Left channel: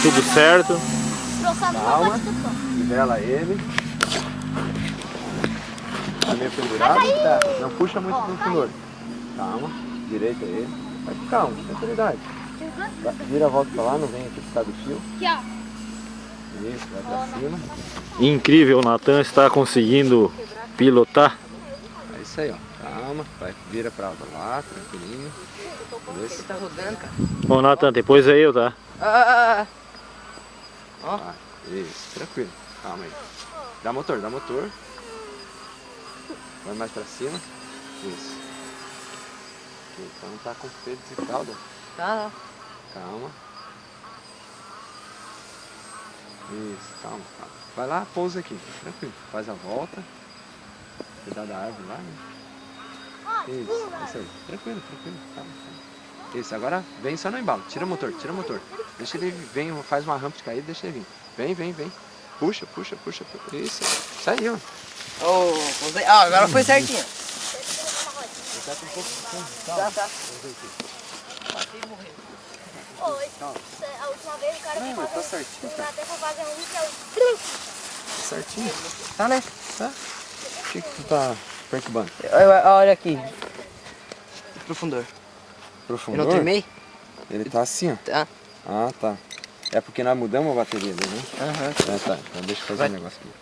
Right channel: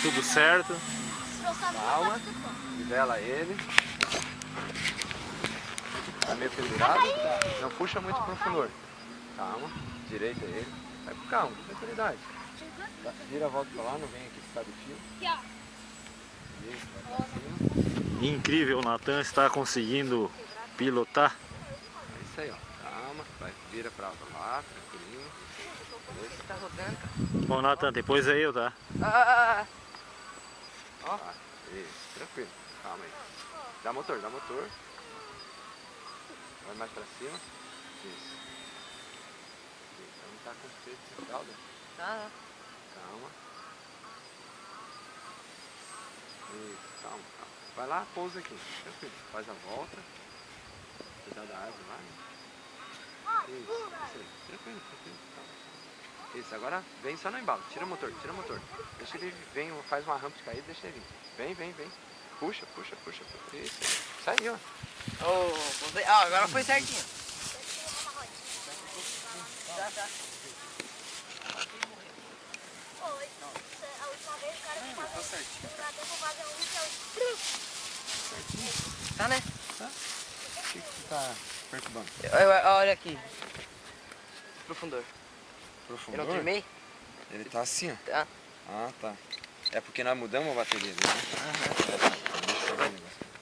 Tudo certo. Calma, nivela ele. Tá meio pendurado? Tá. Não puxa muito pro fundor. Calma, direita ele. Vai com calma, tranquilidade. Vira a volta pra lá, não vem aqui por causa do fio. Isso, vai pra cima. Incrível, o Natan está conseguindo pilotar. É isso aí, ó. Calma, vai, vira pra lá, tranquilinho. Isso. Tá rodando, cara. Ô Natan, depois é eu, tá? Ó. Isso, tranquilo. Calma aí. Dá motor, dá motor. Vai mais pra cima. Isso. Então tá com freio de calda. Tá. Calma. Isso, calma, calma. Vai lá, pousa aqui. Tranquilo. Faz a volta. Cuidar da árvore lá, né? Isso aí. Tranquilo, tranquilo. Calma, calma. Isso, agora vem só no embalo. Tira o motor, tira o motor. Deixa ele vir, faz uma rampa de caída, deixa ele vir. Vem, vem, vem. Puxa, puxa, puxa. Isso. Saiu. Agora foi certinho. Tá com um pouco de fundo. Tá. Vamos ver aqui. A última vez o cara Não, tá certinho, cara. Tá certinho. Tá, né? Tá? Por que tu tá perturbando? Olha aqui. Pro fundor. Pro Eu fundor? não queimei? Ele tá assim, ó. Tá. Ah, tá. É porque nós mudamos a bateria dele, né? Aham. Ah, tá. Então deixa eu fazer um negócio aqui.